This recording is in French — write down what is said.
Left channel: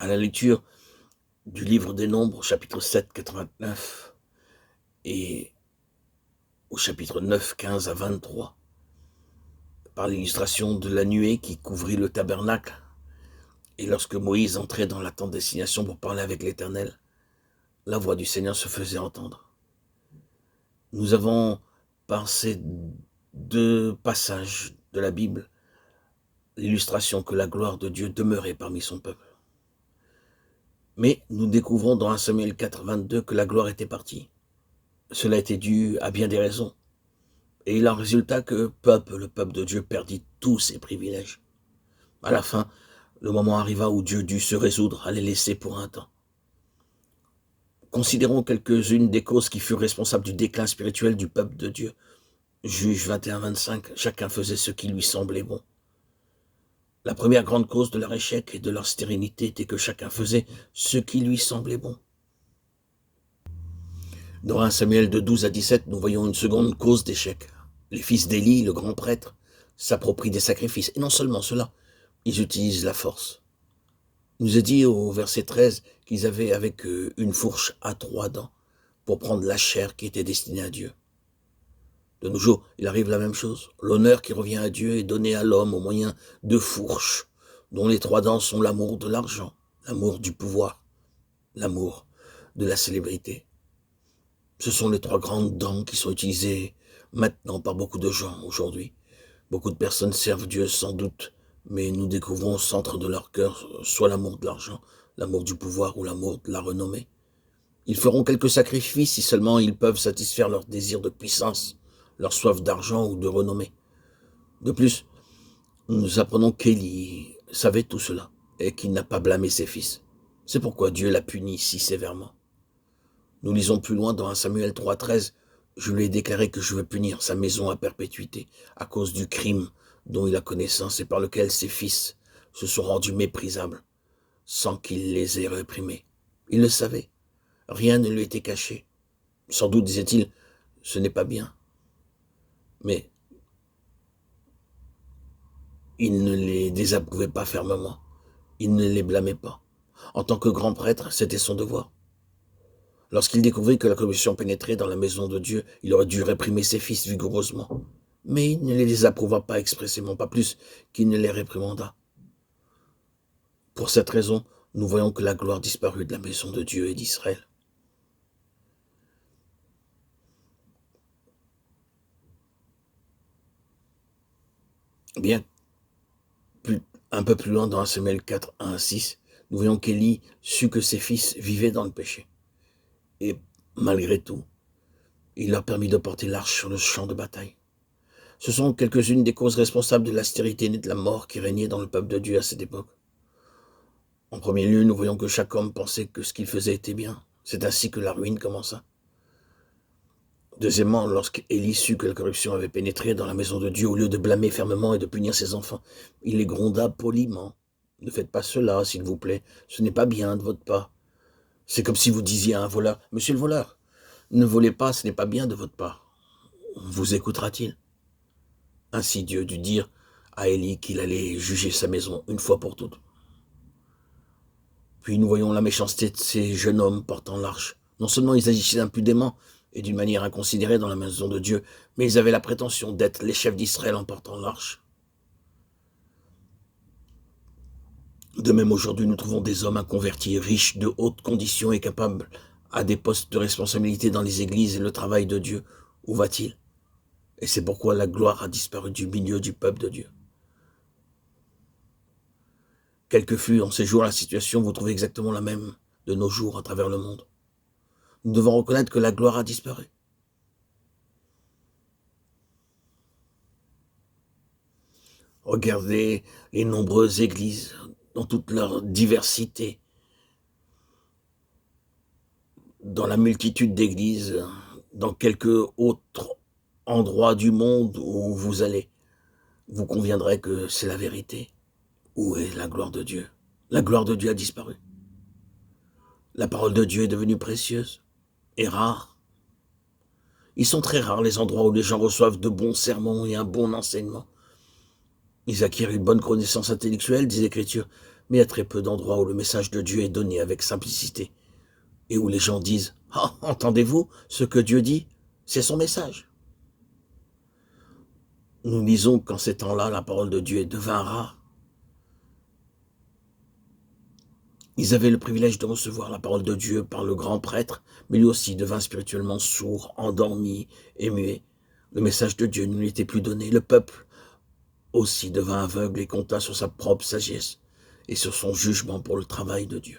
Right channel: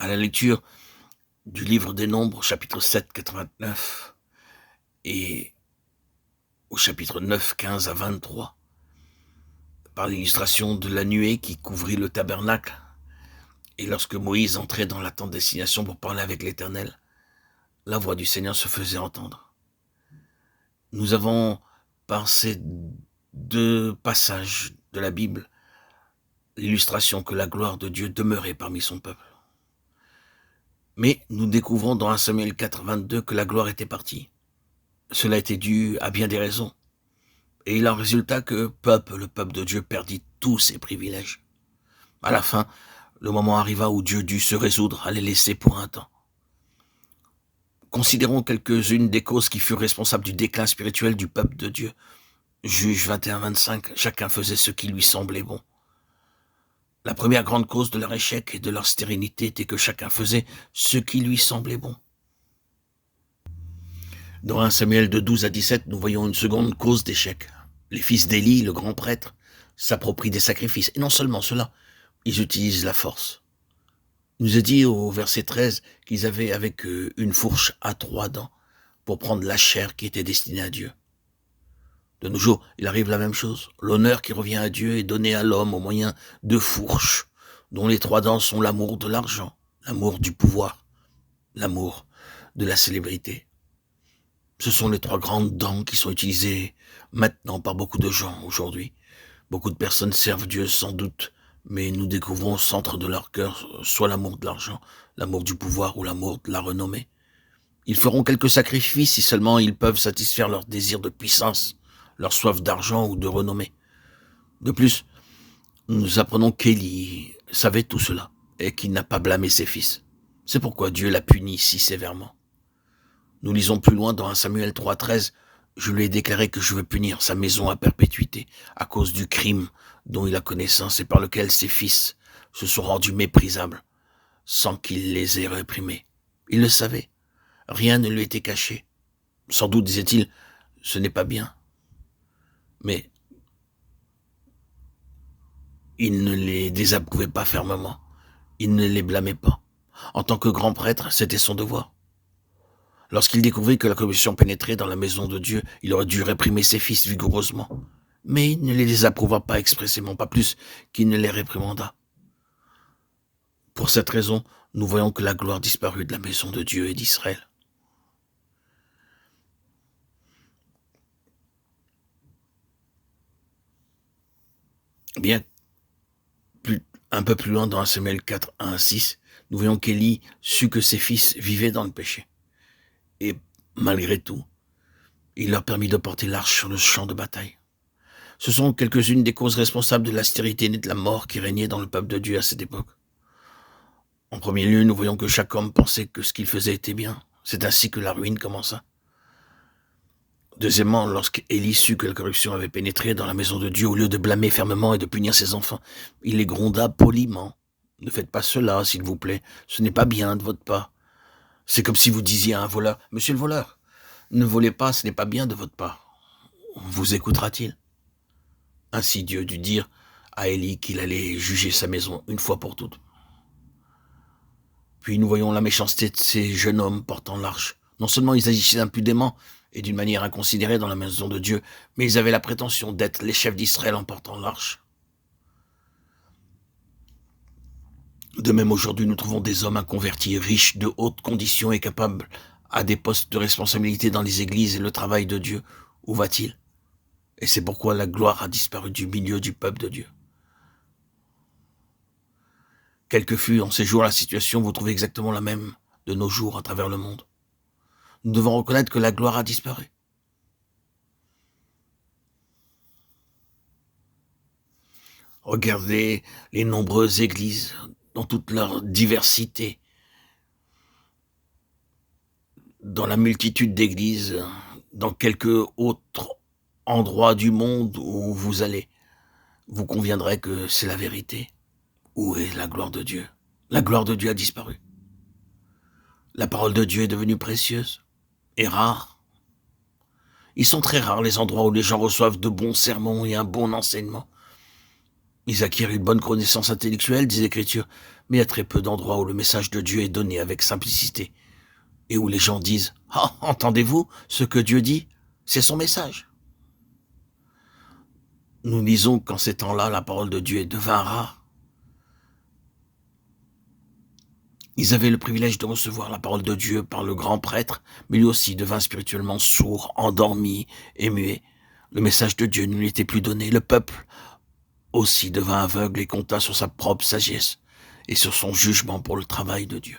À la lecture du livre des Nombres, chapitre 7, 89, et au chapitre 9, 15 à 23, par l'illustration de la nuée qui couvrit le tabernacle, et lorsque Moïse entrait dans la tente d'assignation pour parler avec l'Éternel, la voix du Seigneur se faisait entendre. Nous avons, par ces deux passages de la Bible, l'illustration que la gloire de Dieu demeurait parmi son peuple. Mais nous découvrons dans 1 Samuel 4, 22 que la gloire était partie. Cela était dû à bien des raisons. Et il en résulta que le peuple de Dieu perdit tous ses privilèges. À la fin, le moment arriva où Dieu dut se résoudre à les laisser pour un temps. Considérons quelques-unes des causes qui furent responsables du déclin spirituel du peuple de Dieu. Juge 21-25, chacun faisait ce qui lui semblait bon. La première grande cause de leur échec et de leur stérilité était que chacun faisait ce qui lui semblait bon. Dans 1 Samuel de 12 à 17, nous voyons une seconde cause d'échec. Les fils d'Élie, le grand prêtre, s'approprient des sacrifices. Et non seulement cela, ils utilisent la force. Il nous est dit au verset 13 qu'ils avaient avec eux une fourche à 3 dents pour prendre la chair qui était destinée à Dieu. De nos jours, il arrive la même chose. L'honneur qui revient à Dieu est donné à l'homme au moyen de fourches dont les 3 dents sont l'amour de l'argent, l'amour du pouvoir, l'amour de la célébrité. Ce sont les 3 grandes dents qui sont utilisées maintenant par beaucoup de gens aujourd'hui. Beaucoup de personnes servent Dieu sans doute, mais nous découvrons au centre de leur cœur soit l'amour de l'argent, l'amour du pouvoir ou l'amour de la renommée. Ils feront quelques sacrifices si seulement ils peuvent satisfaire leur désir de puissance, leur soif d'argent ou de renommée. De plus, nous apprenons qu'Élie savait tout cela et qu'il n'a pas blâmé ses fils. C'est pourquoi Dieu l'a puni si sévèrement. Nous lisons plus loin dans 1 Samuel 3,13, « Je lui ai déclaré que je veux punir sa maison à perpétuité à cause du crime dont il a connaissance et par lequel ses fils se sont rendus méprisables, sans qu'il les ait réprimés. » Il le savait, rien ne lui était caché. Sans doute, disait-il, ce n'est pas bien. Mais il ne les désapprouvait pas fermement, il ne les blâmait pas. En tant que grand prêtre, c'était son devoir. Lorsqu'il découvrit que la corruption pénétrait dans la maison de Dieu, il aurait dû réprimer ses fils vigoureusement. Mais il ne les désapprouva pas expressément, pas plus qu'il ne les réprimanda. Pour cette raison, nous voyons que la gloire disparut de la maison de Dieu et d'Israël. Bien, un peu plus loin dans 1 Samuel 4, 1 à 6, nous voyons qu'Élie sut que ses fils vivaient dans le péché. Et malgré tout, il leur permit de porter l'arche sur le champ de bataille. Ce sont quelques-unes des causes responsables de la stérilité et de la mort qui régnait dans le peuple de Dieu à cette époque. En premier lieu, nous voyons que chaque homme pensait que ce qu'il faisait était bien. C'est ainsi que la ruine commença. Deuxièmement, lorsqu'Élie sut que la corruption avait pénétré dans la maison de Dieu, au lieu de blâmer fermement et de punir ses enfants, il les gronda poliment. « Ne faites pas cela, s'il vous plaît, ce n'est pas bien de votre part. » C'est comme si vous disiez à un voleur, « Monsieur le voleur, ne volez pas, ce n'est pas bien de votre part. » Vous écoutera-t-il? Ainsi Dieu dut dire à Élie qu'il allait juger sa maison une fois pour toutes. Puis nous voyons la méchanceté de ces jeunes hommes portant l'arche. Non seulement ils agissaient impudemment et d'une manière inconsidérée dans la maison de Dieu, mais ils avaient la prétention d'être les chefs d'Israël en portant l'arche. De même, aujourd'hui, nous trouvons des hommes inconvertis, riches de hautes conditions et capables à des postes de responsabilité dans les églises et le travail de Dieu. Où va-t-il? Et c'est pourquoi la gloire a disparu du milieu du peuple de Dieu. Quelle que fût en ces jours la situation, vous trouvez exactement la même de nos jours à travers le monde. Nous devons reconnaître que la gloire a disparu. Regardez les nombreuses églises dans toute leur diversité, dans la multitude d'églises, dans quelque autre endroit du monde où vous allez, vous conviendrez que c'est la vérité. Où est la gloire de Dieu? La gloire de Dieu a disparu. La parole de Dieu est devenue précieuse et rare. Ils sont très rares les endroits où les gens reçoivent de bons sermons et un bon enseignement. Ils acquièrent une bonne connaissance intellectuelle des Écritures, Mais il y a très peu d'endroits où le message de Dieu est donné avec simplicité et où les gens disent « Ah, entendez-vous ce que Dieu dit? C'est son message. » Nous lisons qu'en ces temps-là, la parole de Dieu devint rare. Ils avaient le privilège de recevoir la parole de Dieu par le grand prêtre, mais lui aussi devint spirituellement sourd, endormi et muet. Le message de Dieu ne lui était plus donné. Le peuple aussi devint aveugle et compta sur sa propre sagesse et sur son jugement pour le travail de Dieu.